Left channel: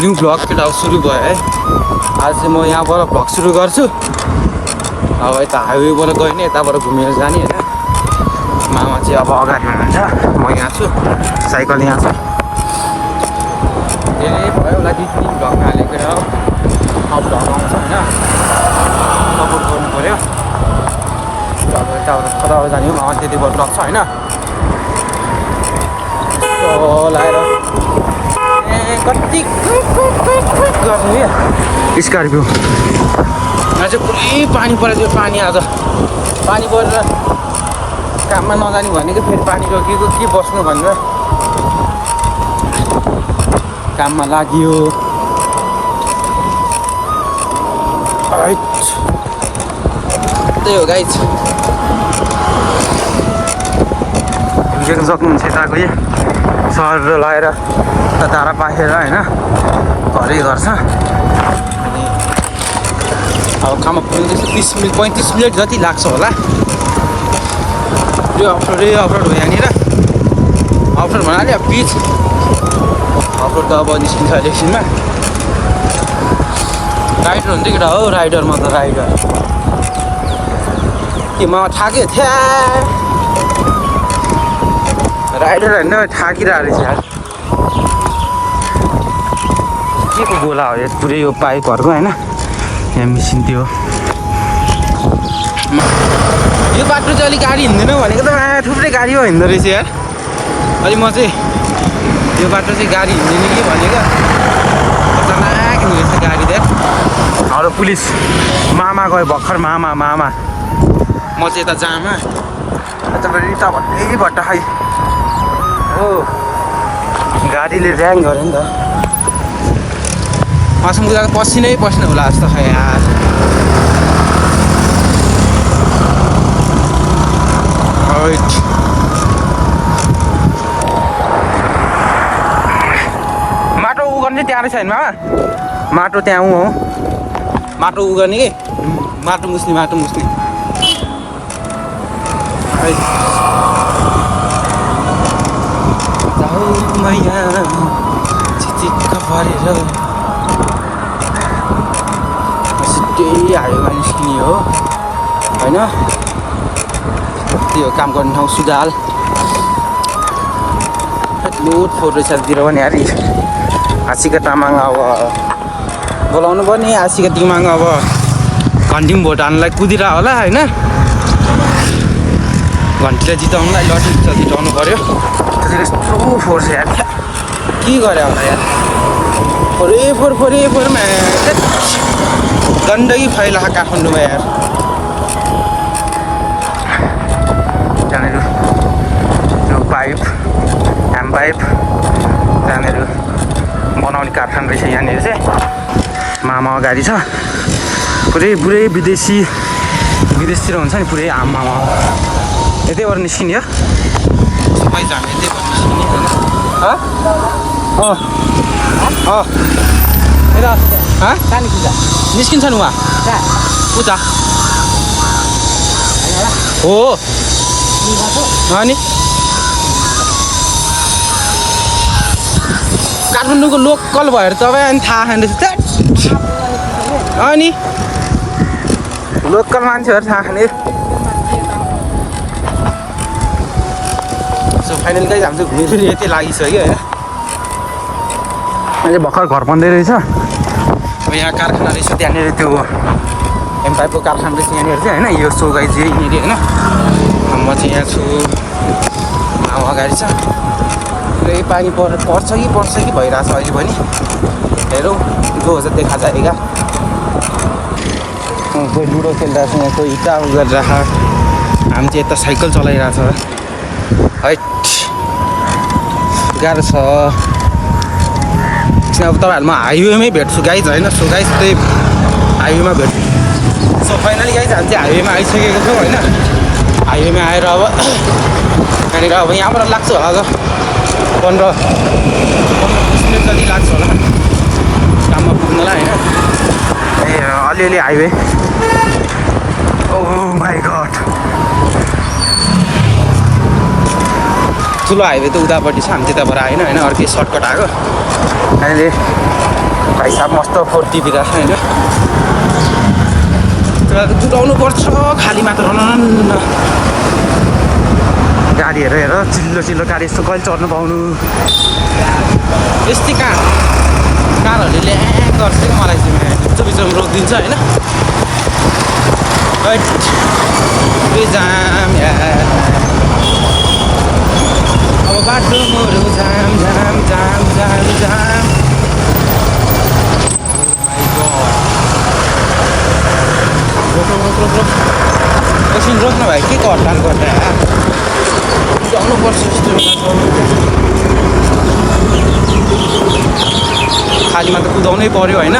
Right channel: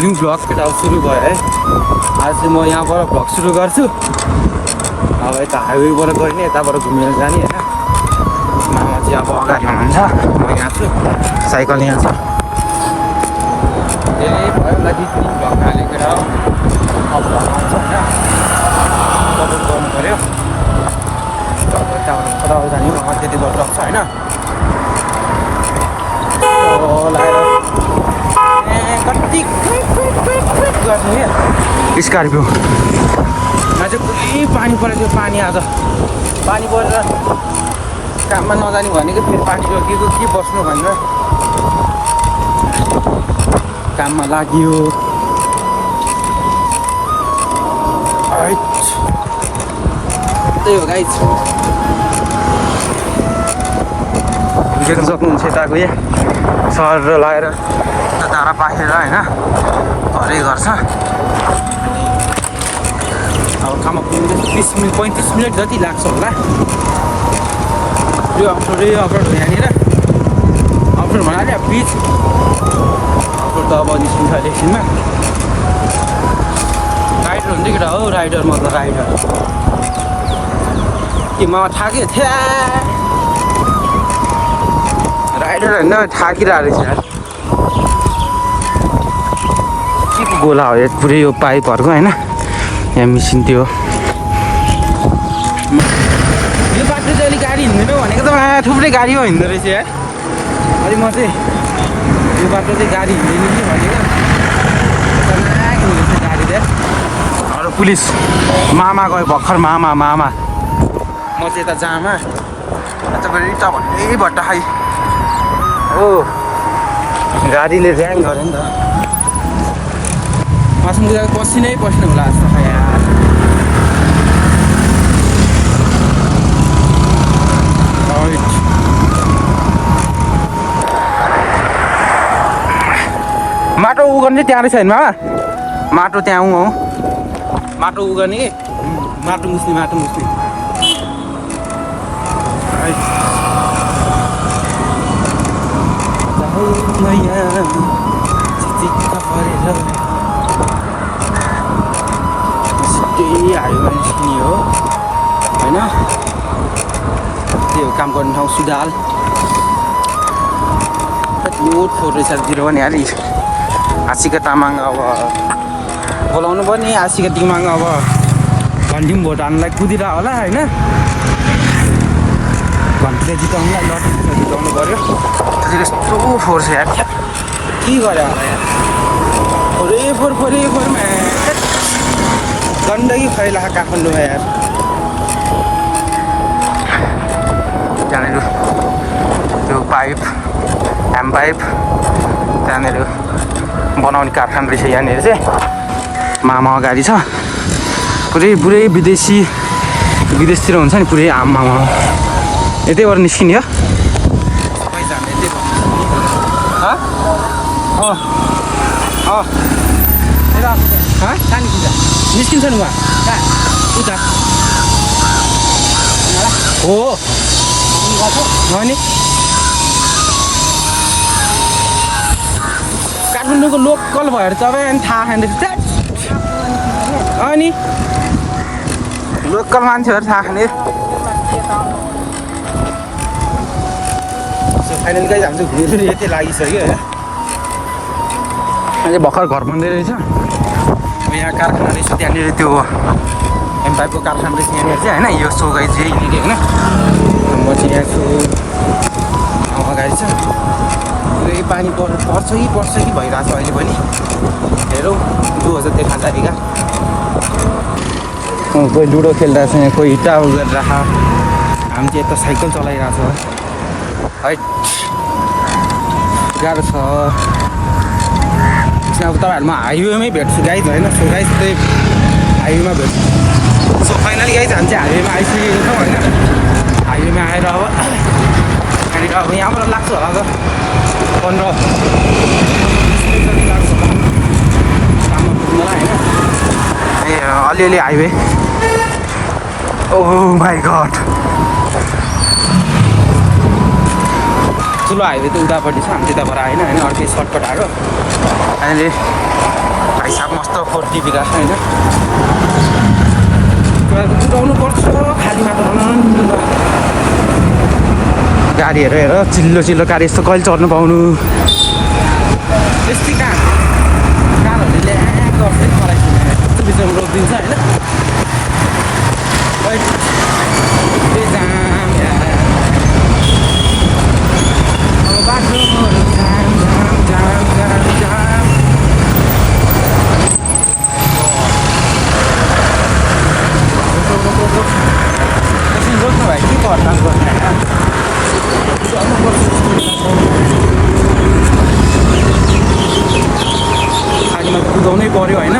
New vlog केटा सुरु भयो है। आज चाहिँ म यहाँबाट भ्लग सुरु गर्छु। अब यता हाइवेबाट गइने, यताबाट घुमेर जाने होइन। मामा चाहिँ अब अगाडि हुनुहुन्छ, म यहाँ छु, साइकल यहाँ छ। ए भयो होला 2-3 घन्टा हालेर अब भ्लग आउँछ, सपोर्ट गर्नु पऱ्यो। अब जाने त्यति भएर लाग्छ होइन। लाएर स्कर्पियोमा चाहिँ पुरै पानी परेको। पानी आज पानी परेर काममा नजाने भनेको फेरि पानी रोकिएको के बस्नु भन्नु, काममा लाग्यो। त्यही हो गाइज, देख्न सक्नुहुन्छ यताको सर लगाएर तारा पाखेर होइन घरै गर्छ। अब काममा पुग्नु त्यस्तो 30 मिनट 35 मिनट जति लाग्छ होला। यो अप्ठ्यारो हो यहाँनिर। अप्ठ्यारो भन्नाले अब बिच अप्ठ्यारो त अब निस्किन्छ एकछिनमा। राइडर हुन्छ केटा हो, राइडरमा त राइडर के म थाकेँ थिया। राइडर होइन थाकिरहेको रहेछ यार। के को गोला हो यो पुरै यो पाइपहरूको होइन, यहाँ मिसिन थियो। यो बाटो चाहिँ अलिक गाडी हिँड्दैन भनेको त थुप्रै गाडी हो हिँड्दो रहेछ यार। अलि म चाहिँ यो बाटो चाहिँ गाडी हिँड्दैन कि भनेको, खतरनाक हिँड्दैछ गाडी त। अरू पुलिस मामा गयो भर्खर, मामा म चाहिँ यता जामा रिटा भन्दै भट्टा खाइ हो। गाडीले ऱ्याङ गऱ्यो नि त, मसँग गएको पसिनै पसिना होला जस्तो खायो। माटो उ गर्ने त्यहाँ रहेछ होइन, माटो त्यहाँ उ हो, माटो उ गर्ने कि माटो मुस्ने हाइवेमा निस्किने हो होइन। त्यो काम गर्नु ठाउँ सुदाल लोड फोटो सालतिर पनि हाली आशिका तामाङ अब बोलाउनु पर्ने। आशिका तामाङ अब घन्टी पनि भोट हाल्नुलाई कुदिरह होला होइन। घन्टीलाई जिताउनुलाई लटी जिताउनु पऱ्यो। त्यतिखेर यस्तो फोर्स यार, के गरे होला यार। फोरेफोरमा गन्दगी फैला काठमाडौँमा यार। त्यहाँनिर त्यो पाइप ह्याम पाइप त्यहाँनिर बनाउने कारखाना रहेछ। यहाँनिर चाहिँ मामा गाडी छ, पुरै विदेशतिर हुन्छ नि पुरै। आमा यतैबाट निस्किने हो, सबैजना यतैबाट निस्किन्छ नि उहाँ उता हो। अनि काठमाडौँको लोकल भएर तपाईँ अनि थाहा खाँदैछ। अनि लोकल मान्छेहरू थाहा खाने। फाइनली कहीँ हामी चाहिँ घुमेर यतै लागिसक्यो होइन। अहिले भर्खर घर बन्दै रहेछ। यहाँ कारखाना रहेछ, त्यहाँनिर त्यो एमपाइपको कारखाना रहेछ यहाँनिर चाहिँ होइन। यो सो गाई चाहिँ यहाँनिर होइन। म चाहिँ यहाँ छु, अब अगाडि छ। यही पानी पर्छ कि भइरहेछ अहिले पनि। हेरौँ गो हुन्छ देखा जाएगा। कोही लुडो खेलिरहेछ, कोही हिट्टा गरिरहेछ। हामी चाहिँ यता साइकल चलाइरहेछ है। गाह्रो छ। अब तपाईँहरूमा हाइवेमै भेट्छु गाइज होइन। सो गाइज त्यही हाइवेमा भेट्छु। सो फाइनली गाइज हामी चाहिँ हाइवेमा आइसकेको छौँ होइन। हाइवेमा आएर अब यहाँनिर अब यहाँबाट लाग्छ होला 15-20 मिनट जति लाग्छ होला काममा पुग्नलाई होइन। ए अलिअलि हाइवे। ओह माई गड, ठुलो हाइवे त उतापट्टि छ, हामी त्यताबाट आएन होइन। अर्कै सर्टकट आएको। अहिले भाइ साहब मस्त फुर्ती दिइरहेको छ होइन कुदाउनु पर्छ खाली मात्र गाडीहरू हेर चिल्लो चिल्लो गाडी यस्तो कहिले चढ्नु पाउनु यस्तै कारहरूले गर्छ मलाई यस्तो बिचमा रोकिदिन्छ होइन जाम अब बाटोहरू जाम जाम जाम जाम जाम एकछिन रोक्नु भाइ के हतार गर्दा सक्नुपर्छ खालीमा त कुदाउनै पऱ्यो होइन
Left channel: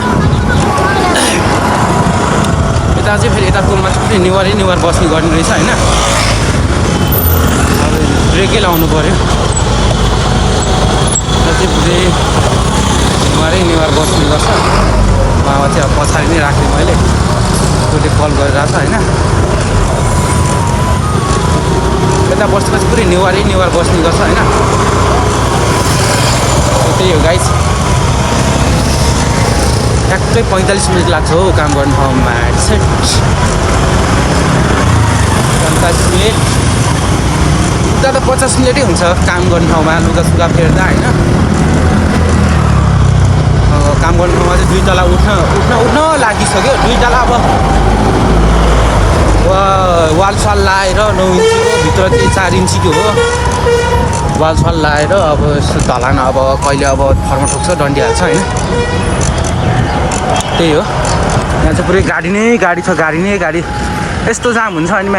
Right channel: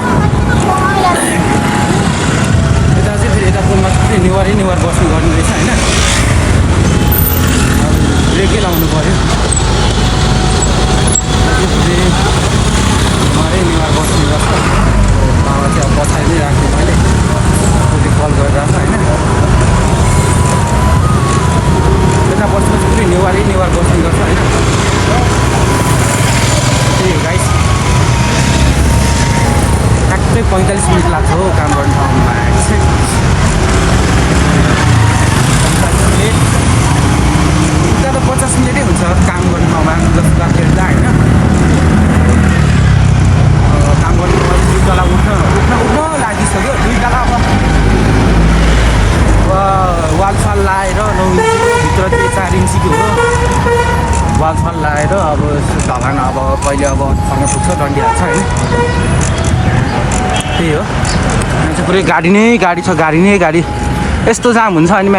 यता चाहिँ फेरि यता पुलमा चाहिँ निवारै निवार बस्नु गर्नु रहेछ होइन अब ब्रेकै लाउनु पऱ्यो निवारै निवार बस्नु गर्छ बाबा चाहिँ अब पछाडि नै राखेँ मैले त्यसले कल गरिरहेको छ होइन यता बस्नुपर्छ फेरि निवारै निवार बस्ने गर्छ होइन त्यही हो गाइस ट्याक्कै 45 मिनट लाग्छ हो काम गर्ने ठाउँमा 45 मिनट उता त 50 मिनटै हुन्छ काम गर्ने ठाउँमा लुगा सुगा फेर्दा होइन काम गर्ने ठाउँमा चाहिँ 2 तला उठ्न लागिसक्यो 2 तला अब वालसाल लाएर 9 इन्चीको भित्र चाहिँ 4 इन्चीको हो वालसाल लाएर अब यस्तो ढलान अब कहिले अब फर्म पुग्छ डन्डी हाल्छ होइन त्यही हो यहाँ चाहिँ पुरै गाडी नै गाडी छ गाडी यस्तो जाम हुन्छ अनि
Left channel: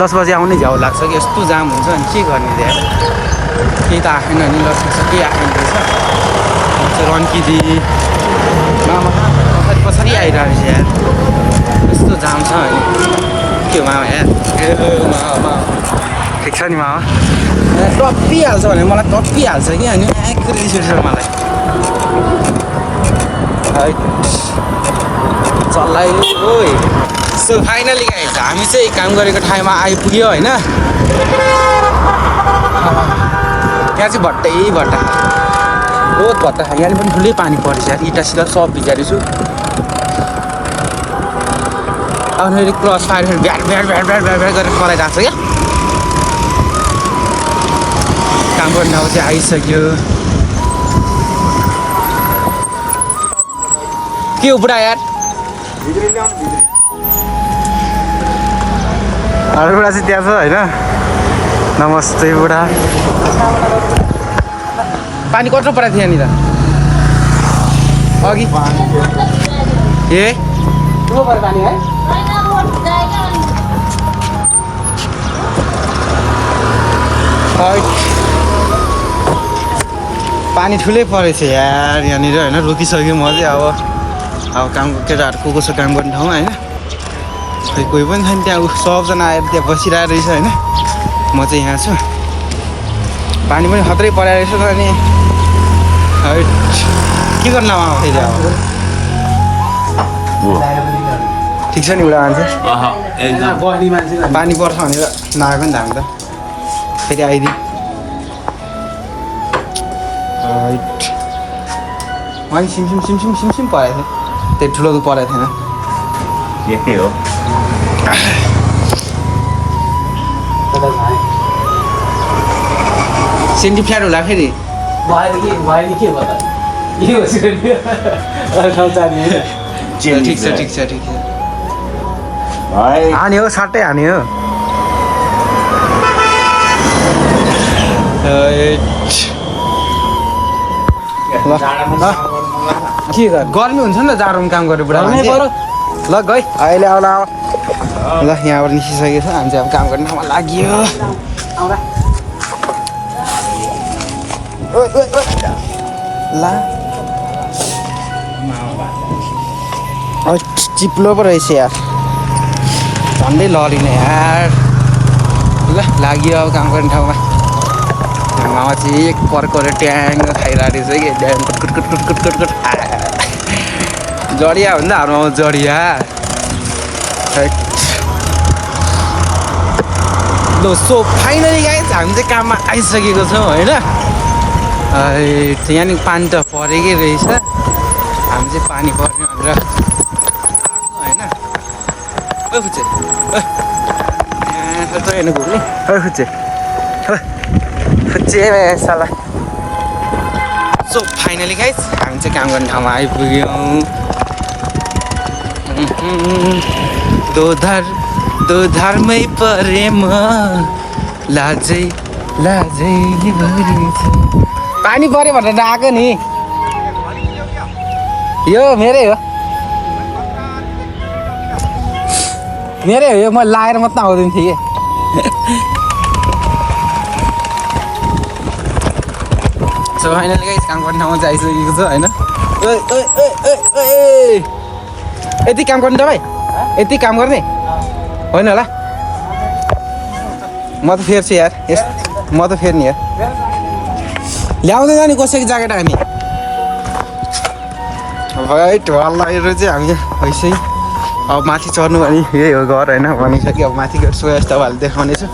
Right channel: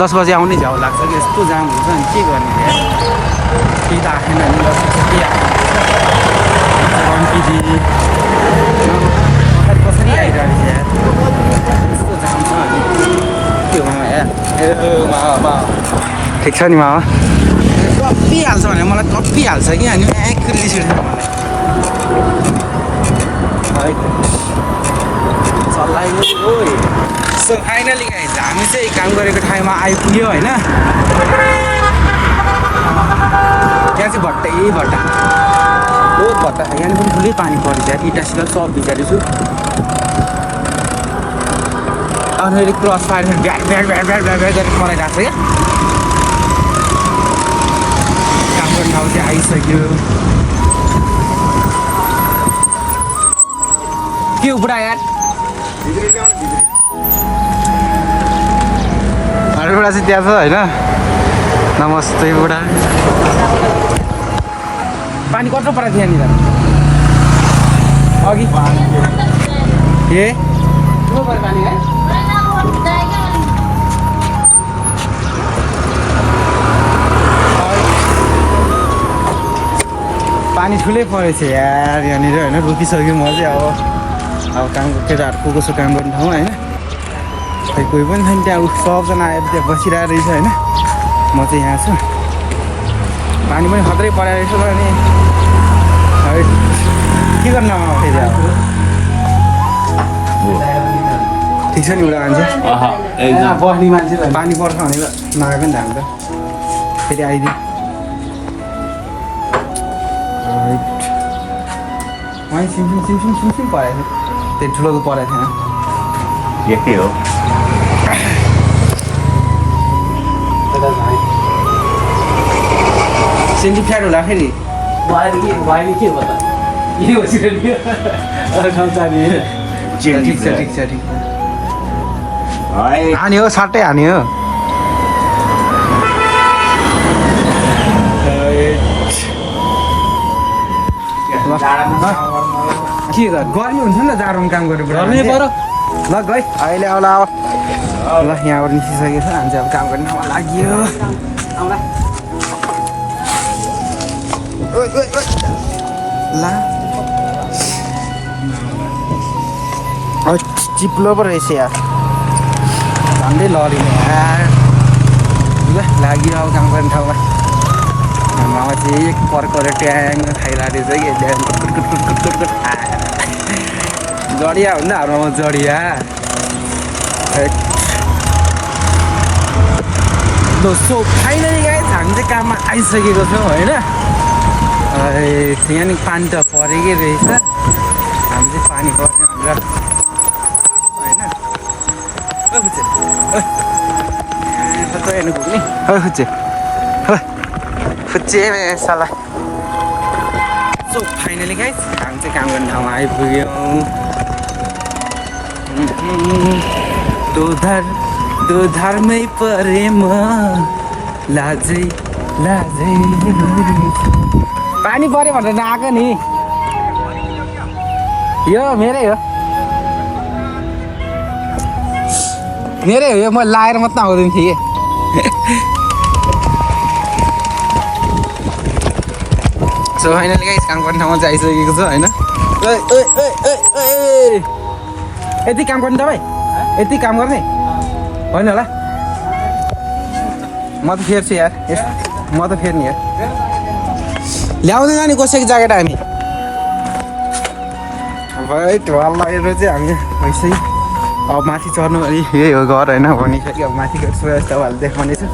10 बजी आउने झ्याउ लाग्छ कि यस्तो जाम हुन्छ अनि के गर्नु त्यहाँ केही त आएन नि लसेको छ केही आएको हुँदैछ चाहिँ 1 केजी पछाडि आइरहेको छ यहाँ यस्तो जाम छ के हो मामा यहाँ मामा ठिक छ नि मामा टप्पिहाल्छ भने मलाई टप्पिहाल्छ कि अनि एक्रै रिस उठ्छ मलाई चल्लायो सो फाइनली गाइस हामी चाहिँ काम गरेको ठाउँमा आइपुग्यो होइन त्यहाँ चाहिँ भट्टा बहुत भट्टा यहाँ पनि ठुलै पानी परेछ इटासिटा सब भिजाएको छु अब मेरो क्रस फायर ब्याट गरेर पराइरहेको छ क्या काम गर्ने ठाउँ चाहिँ आइसक्यो के हो बुढा यार अरू बुढा चाहिँ त्यहाँ छ होइन नमस्ते बुढा पानी कत्रो परेको थियो यहाँनिर अघि ए पानी है पानी ठुलै परेछ यार यहाँनिर होइन रोकिसक्यो म चाहिँ अब काम केटाहरू को छ काम गर्ने ठाउँमा होइन खै कोही पनि छैन त्यहाँ सबजना आएर त्यहाँ बसिरहेको रहेछ होइन म चाहिँ यहाँ छु पानी पनि खत्रै पराएको छु अनि के गर्न फेरि अब ठिक छ नि एउटा मान्छे पानी पर्छ भनेर नआए पनि हामी त फेरि आइदिउँ अनि सिमसिम परेको थियो त्यो ठुलो परेको थिएन यही हो सेन्टी फ्ल्याट होला फेरि ठिक छ हानी हो सट्टै हानी हो गर्मी हुन्छ नि त जाडोमा काम गरेर गर्नै पर्यो ल गइ अहिले आउला ल यहाँबाट निस्किसकेको छ हामी चाहिँ अब काम गर्ने ठाउँमा लाग्यो ला चिप्लो पो रहेछ यार झन्डै लडिने यार ल लाग्यो अब काम गर्ने ठाउँमा चाहिँ एक पर्कर ट्याङ खाइरहेको रहेछ कि कुट जडिया भन्दा हाम्रोमा जडिया ल सो फाइनली गाइस हामी चाहिँ काममा आइसकेको छौँ होइन यहाँनिर पानी त परेकै रहेछ चाहिँ पानी पर्ने भनेर होइन ओ खुच्चे हेर्नु पुग्ने ओ खुच्चे खुच्चे साला सो फाइनली गाइस हामी चाहिँ काम गर्ने ठाउँमा आइपुग्यौँ दो धर्मै परेम लाजै पानी पऱ्यो भनेर आएको नि यो मेरै हो यो म लाएर मात्रै आउँदैन थिएँ कि सो फाइनली गाइस काम गर्ने ठाउँमा चाहिँ आइसकेको छ होइन यति काम गर्ने तपाईँ यति काम गर्ने होइन होला म त फेर्छु यार म त फेर्ने यार ल्याउँदैन नि कसैको ज्याकेट हामी राइट वालतिर चाहिँ हामी वैसे अब माथि चढ्नु भने यही हो घर होइन भनिसक्यो अब माथि गएर सोया जस्तो तपाईँहरूले देखाउनेछु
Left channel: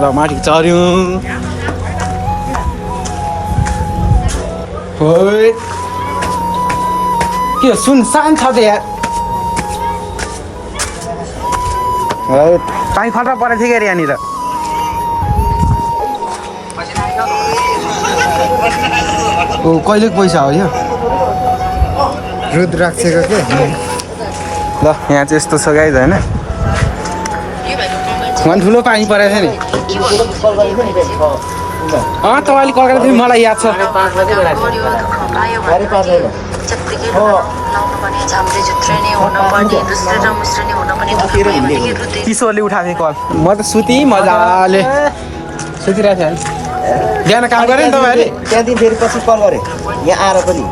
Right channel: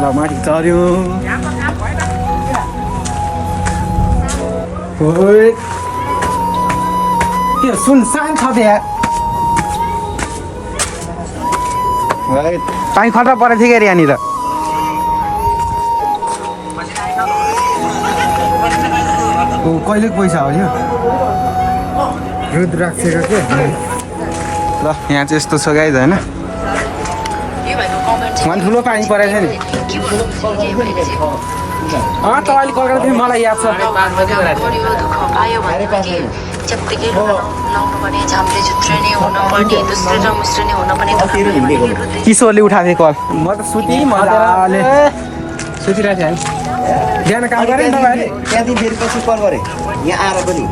ल माथि चढ्यौँ के सुनसान छ त यार पानी खतरा परेको थियो क्या यहाँनिर कहिले पैसा हो यो रुद्राक्षको के ल यहाँ चाहिँ यस्तो छ गाइज होइन ठुलो पानी परेको छ नि तपाईँले कगाएको थियो मलाई याद छ किशोरले उठाएको कल म त सुतेँ मजाले सुतिरहेको थिएँ बिहान काम गरेँ नि तपाईँहरूले त्यहाँदेखि फेरि पछि कल गरेँ यहाँ आएर पनि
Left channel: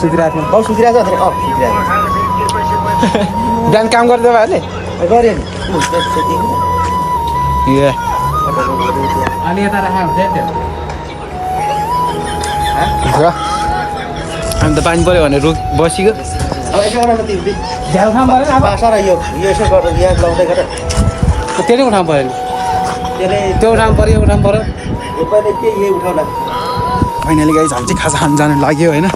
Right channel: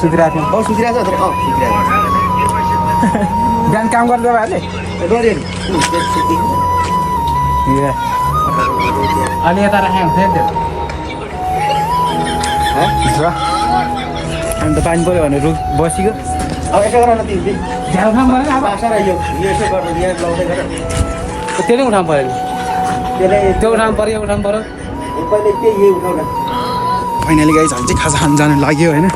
सुतिरहेको थिएँ सुतिरहेको छ बिहान काम गर्ने तपाईँहरूले गरेँ अनि यता राखेको थियो अन्त पानी पऱ्यो भने रुख बसिगयो अब यसो गर्न झ्याउ खाम पऱ्यो अब बासा र यो यसो गरेर यहाँ लाउँदै गरेर त्यो नै उठाउनु पऱ्यो त्यसलाई त्यो उठाउनु पऱ्यो पहिले त्यही यही उठाउला फाइनली गाइस हामी चाहिँ खाजा खान जानु लाग्यो होइन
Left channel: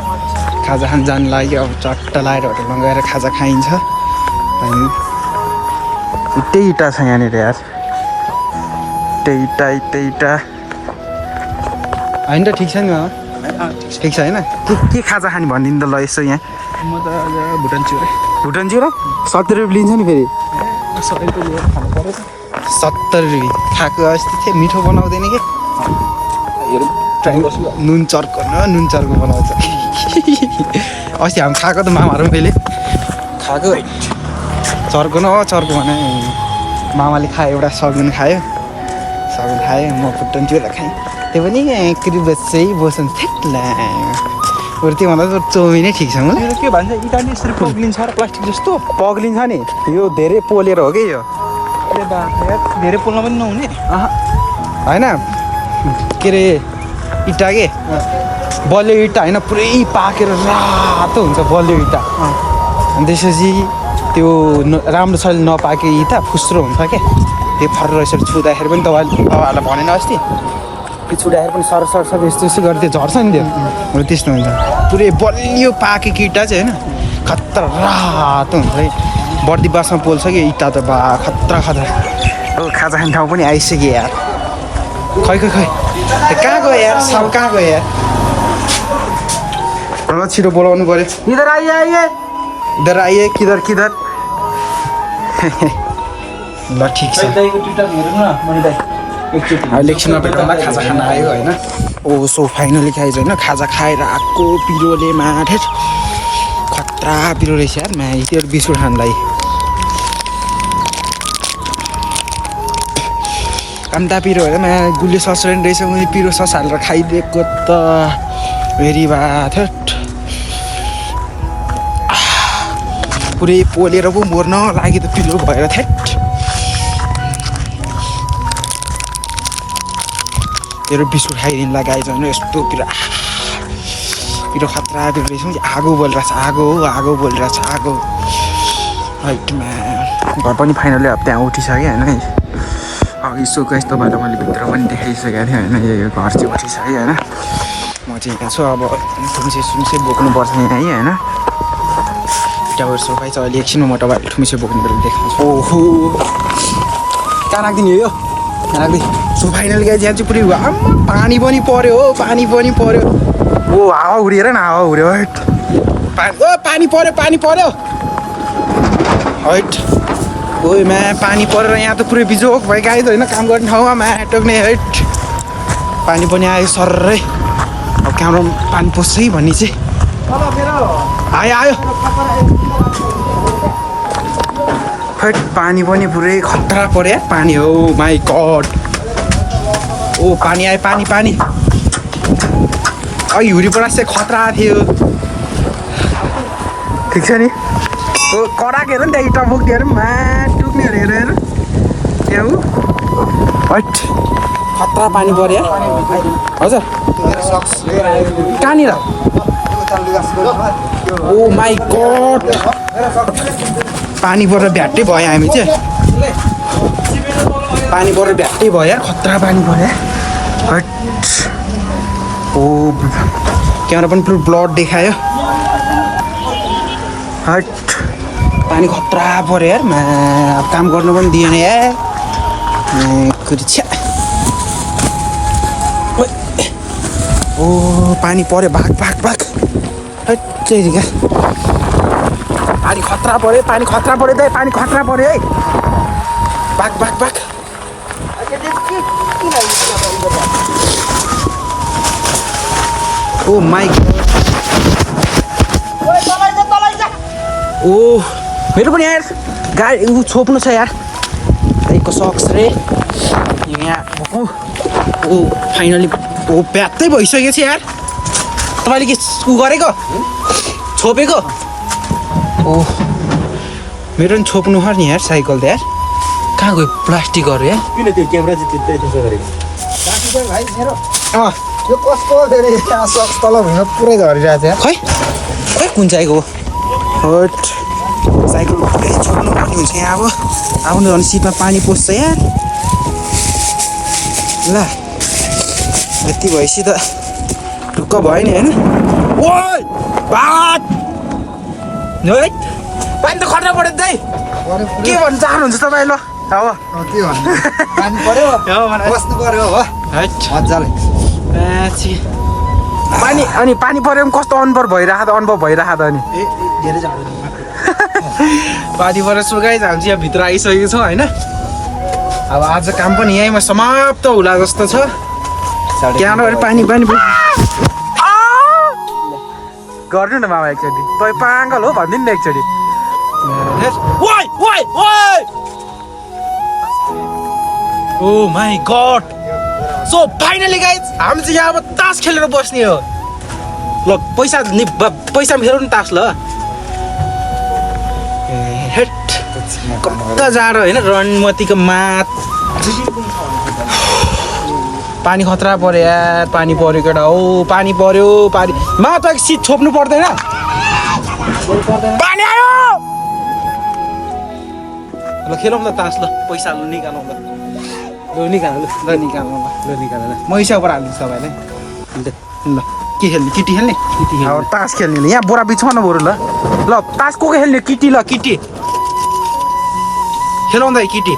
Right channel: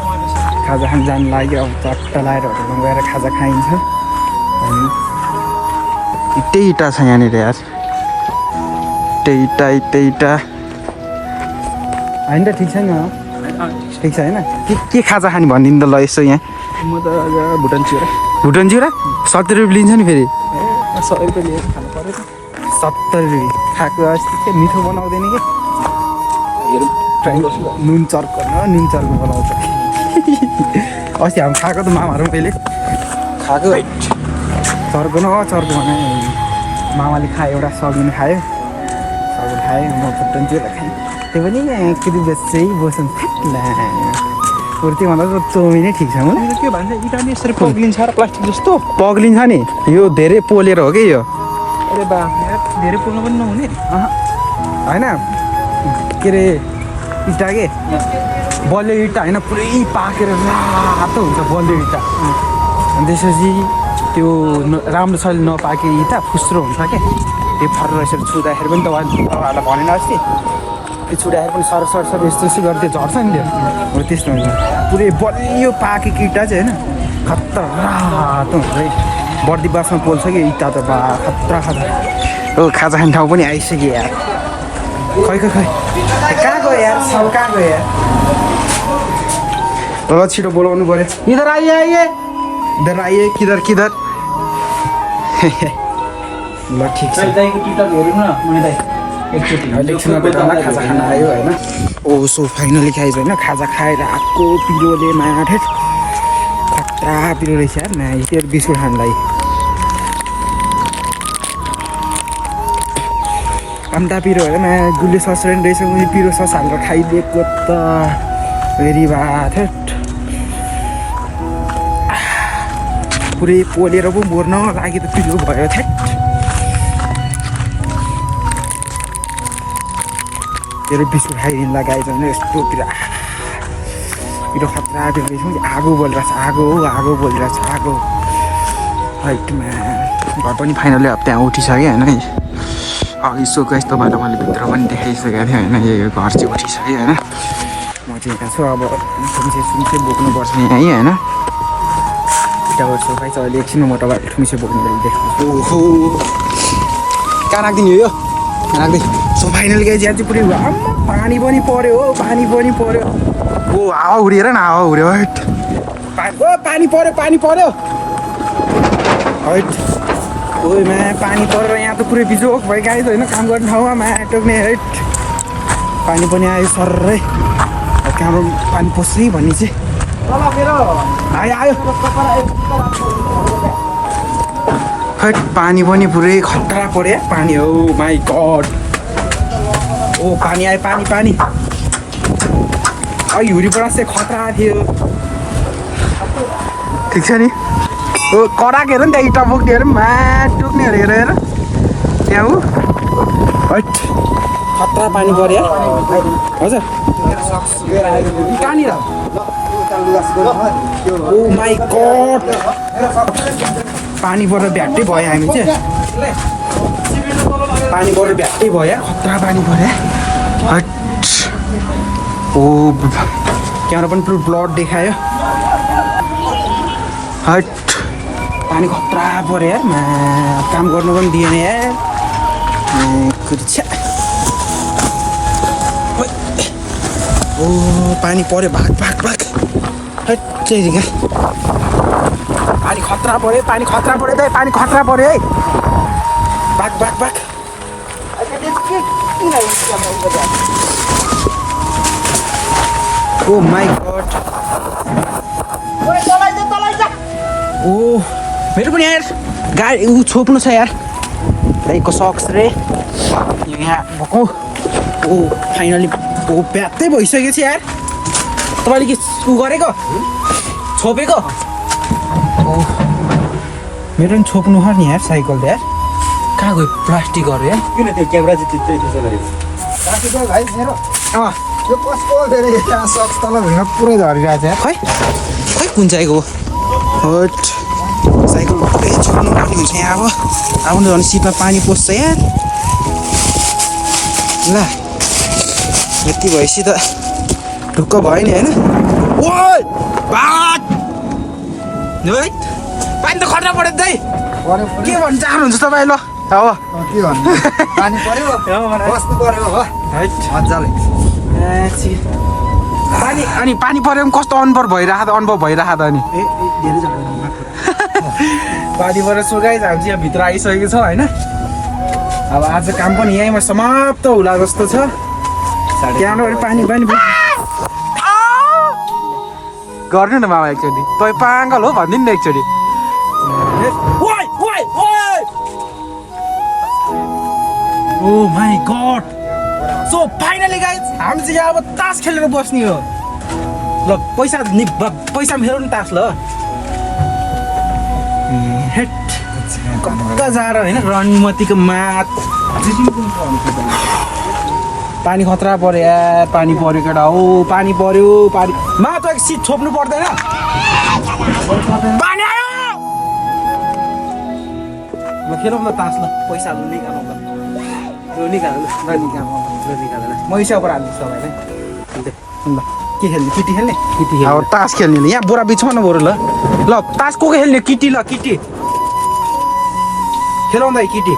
खाजा खान जानु लाग्यो अब चट्ट लाएर होटलमा गएर खाजा खाइन्छ अनि त्यही इँटा छ यहाँनिर यार त्यही इँटा होइन त ठिक छ नि ठिक छ होइन के खाजा खाने भनिदिनु त ल यसो यहाँ म त भुटान चिउरा 70 रुपियाँ लिन्छ नि फेरि 100 रुपियाँ लिएर खानु पऱ्यो 70 रुपियाँ खाएको अस्ति थियो मिठो बनाउँदैन कि नुन चर्को बनाउँछ अस्ति हामी खाएको त मामाहरू पनि कहिले खाएको चर्को भने मामाले खायो एउटा सगुन खायो म भुटान चिउरा खाएँ त्यो पनि एकरी बस्छै बस्नु थ्याट्ला बरु त्योभन्दा त चौमिनै ठिक छ के भन्छ इटाली यसरी पग्लिन्छ र प्लास्टिक जस्तो पग्लिन्छ नि यो धेरै पोलेर हो कि यो अरे बा धेरै पोल्न पनि नहुने होइन के अरे इँटा के बलियो इँटा होइन पुरै पाकेर रातो हुन्छ बलियो इँटा अनि त्यसपछि त्यो राम्रोसँगले नपाके इँटा फुस्रो हुन्छ क्या त्यो फरेर यसरी छुँदाखेरि पनि तपाईँहरूलाई भनेन अस्ति त्यो छुँदाखेरि पनि सर यस्तो गरेर झर्छ नि त्यो त्यस्तो हुन्छ पुरै बलियो पाकेको इँटा चाहिँ होइन खतरा रातो हुन्छ कि बर्दी बासमा पोल्छ कि इँटा त बा खतरा हो खाजा खाने ठाउँ पनि आइसक्यो यार खै कहाँ गयो यार सब कहाँ गयो यार ल छिटो बोलाउनु पऱ्यो इधर आइए किधर ल ठिक छ इलेक्सनमा भेट्दा खाजा खान आयो होइन सो फाइनली खाइज होइन खाजा खाएर आएको पिरोले माठे खतरा पिरो रहेछ यार त्यो बिस्कुट खानलाई कामटा पिरो होइन गुलियो सस रहेछ मैले पिरो सस हालेर खाइदिएको त भेरी भात पुरै पोलेर पो मर्न लाग्यो त पिरो भयो थेट तेरो बिस्कुट खाइदिनु लगाएछ भने यस्तो पिरो खतरा पिरो रहेछ आगो बोलिरहेछ आगो बोलिरहेछ आगो हाइटमा घर पनि फाइनली अब त्यहाँ उठिसक्यो होइन अघि सो गाइस तपाईँलाई मैले भित्र पनि देखाइसकेको थिएँ होइन यो घर चाहिँ उठिसक्यो होइन म चाहिँ यता छु अब ठुम्से सुम्से बोक्नुपर्छ यहाँ है होइन यताबाट सोफा चाहिँ अहिले एकछिन म तपाईँलाई ठुम्से बोक्नु बेला देखाउँछु ओहो कहाँ राखिदिने हो यो कहाँ राख्दै सो फाइनल गाइस यहाँ चाहिँ पुरै पानी पनि पर्यो हो पानी पनि पर्यो ओ हावा उडेर न हावा उड्यो हट पानी पर्यो हट ओइमा पानी परेर यहाँ त पुरै बिजोक भयो गाई त होइन काम गर्ने ठाउँमा टोक्ने हट पानी पनि आयो सर्रै अब कहाँबाट पानी पस्छ है भन्ने चाहिँ आयो हट पानी पनि पुरै खतरा पर्यो पानी हो माई गड ओ पानी आयो पानी अघि हुरीबाट चाहिँ खतरा थियो ठिक छ नि ओ कराएको हेर नि त्यहाँ इटा बोक्ने हेर टुक्ने हेर त्यहाँ ऊ हट खतरा पानी पऱ्यो हजुर कहाँनिर ओ माई गड पानीबाट भ्याट्टै भयो हामी चाहिँ पानीबाट भ्याट्टै भयो खतरा पानी पऱ्यो हट ओ क्यामेरा पनि पुरो ब्लड देखायो हट पानी खतरा पऱ्यो यार काम गर्नु पनि दिएन यार ओ पानी पऱ्यो भाग हट चाहिँ पानी खतरा पऱ्यो पानी खतरा पऱ्यो है भाग ओ माई ओ मेरो पनि यार गाडी ऊ छोप्नु छ यार दाइको सक्स रे यहाँ भएको ओ फाइनली ओ प्यात्तै भइसकेको छ यार तपाईँले के ऊ गरेको छोपेको ओ मेरो पनि छोप्नु पर्छ नि यार साइकल त यार कहाँ गयो प्लास्टिकहरू यार किन त्यो क्यामेरा चाहिँ त्यसो गरेको भाइ मेरो यो कस्तो धेरै सक्स तल भुइँमा पुरै झरिरहेको छ यार खै कुन चाहिँको हट साइकल पुरै छोड्नु पर्ने हुन्छ यहाँ अब झन् सिटमा पानी पस्छ यार ल यति भएपछि त ढुक्क भयो नि होइन ओ भात पानी त खट्न पऱ्यो दाइ के भन्नु चाहनुहुन्छ तपाईँ ल अब के भन्नु पानी पर्यो बस्नु पर्यो हो मजाले पानी अनि पानी पऱ्यो भने कस्तो अनुभव भइरहेको त अनि धेरै जाडो पानी परेर सुकाइ हामी यहाँ भित्र आइसकेको छौँ होइन अब आज काम पनि यहीँमा समाप्त होला जस्तो छ त्यहाँबाट पानी गर्नु न मामा एकचोटि तपाईँ पागल हो भनिदिनु न एकचोटि oh my god so finally guys हामी चाहिँ यहाँ अब तास खेलेर बस्ने हो ल पैसा खेलौँ नि तास ल हेट कता जाडो होइन रणमतीको मात पानी खतरा पऱ्यो यार पानी पऱ्यो केटा हो पानी पऱ्यो मा त सिट छोप्नु पर्दैन पानी आयो ल खेलौँ ल तास ल पैसा निकालौँ ल निकालौँ मैसाबाट हाल्नुहोस् तपाईँले ल के खेल्ने केटी खेल्ने अब तास खेल्ने यहाँ बोरा बिछाउन न बरु ल तास को खेल्ने किटी ल किटी खेलौँ दाइ किटी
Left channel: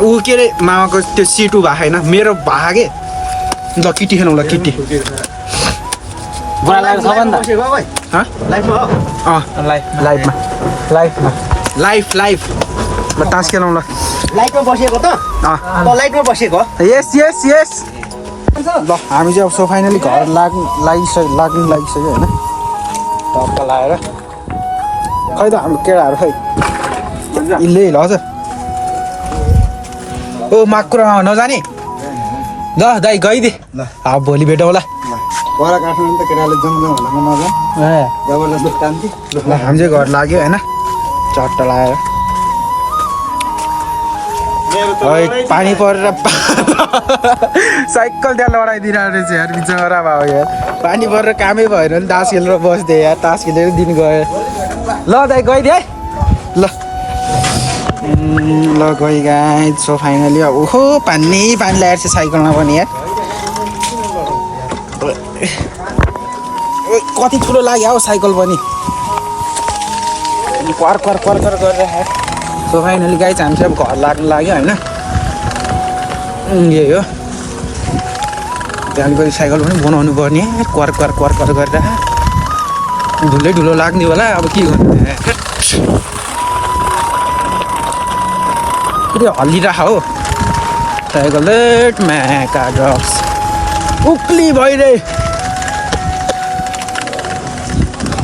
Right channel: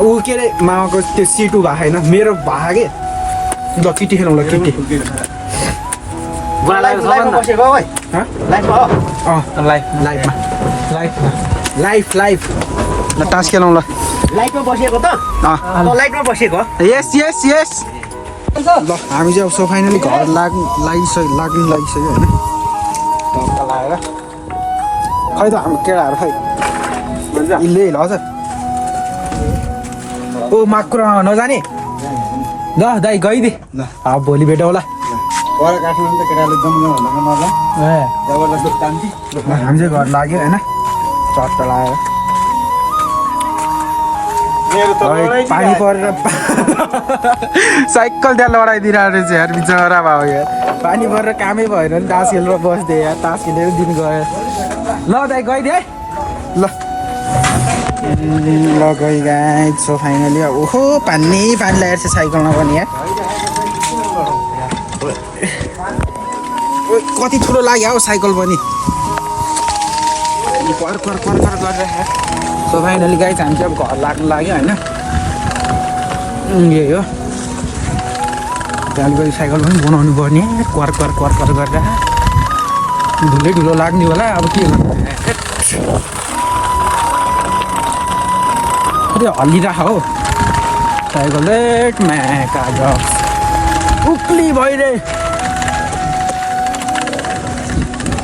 ऊ के अरे मामाको त्यो सिट ऊ भएको होइन मेरो भएको के ल किटी खेलौँ ल किटी लाइफ ल तास खेलौँ ल यस ल हामी चाहिँ अब सो फाइनली घर लाग्नु लागिसक्यो होइन टक्क लगाएर खै त हाम्रो केटाहरू खै इल्लै ल हजुर ओ माकुरामा नजाने ल दाइ गइदे ल अब भोलि भेटौँ ल घर काठमाडौँ त केटाले जम्मा नजा जबरजस्ती तान्थी ल हामी चाहिँ घर लाग्यो होइन चट्ट लगाएर पानी परेर साइकल त्यहाँ लडाइदिरहेको रहेछ यार बिचरा भयो यार पानी परेर कामै भएन नि तास खेलेर बस्दै यार तास खेलेर दिन गयो ल दाइ गइदिए है ल ल गइ गाइज सो फाइनली अब ओहो पानी लागेको छ साइकलमा पनि है ए कति ठुलो लाग्यो हौ साइकल पनि कर कर कर कर गरेर सो फाइनली गाइज हामी चाहिँ अब घर लाग्नु लाग्यो होइन यही हो त्यहाँदेखि गएर साइकल पनि बनाउनु पर्ने कर कर कर कर गरेर धुलै ढुलो लाग्ने होला अब के गर्नु हल्लिरह हो साइकल उक्ली भइरहे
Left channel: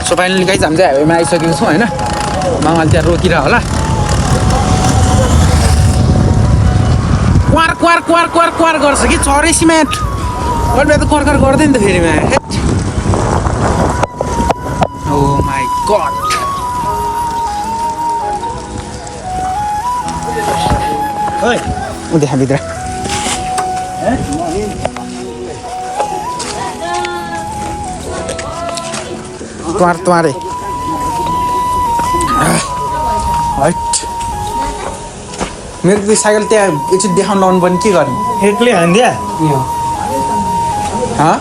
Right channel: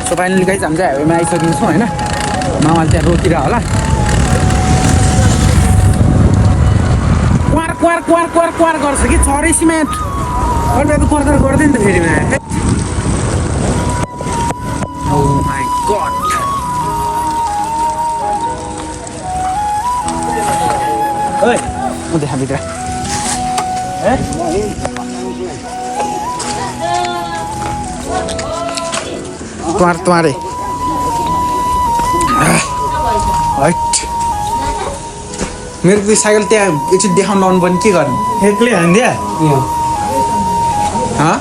सो फाइनली गाइज हामी चाहिँ हाइवेमा आइसकेको छौँ होइन मामाले त्यहाँ रोकिरह होला क्वार क्वार क्वार क्वार क्वार गर्छ कि चरै सिमेन्ट अहिले त कर्कर गर्दैन नि त फेरि ओ माई गड ओइ देखा भित्र त्वारे हट मेरो साइकल त्यहाँ एकचोटि देखाउनु लाउनु पर्ने के गर्ने एक्लै हान्दिया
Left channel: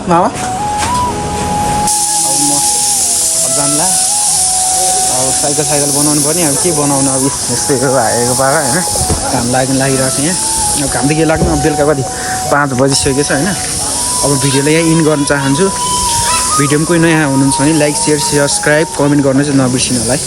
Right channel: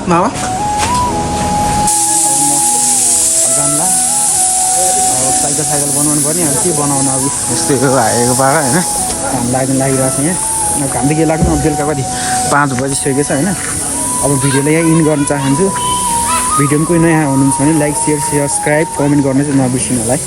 मामा अब जानला अब साइकल बनाउनु पर्ने अब के बनाउनु अब यस्तै हो आएको पारा होइन घाम लागिरहेको छ यहाँ घाम त के लाग्नु अब बेलुका कति 5 बजिसकेको छ होइन अब भिडियोलाई यहाँ इन गर्न चाहन्छु भिडियोमा कोही नयाँ हुनुहुन्छ भने लाइक सेयर सब्सक्राइब कमेन्ट गर्नु चाहिँ नबिर्सिनु होला है।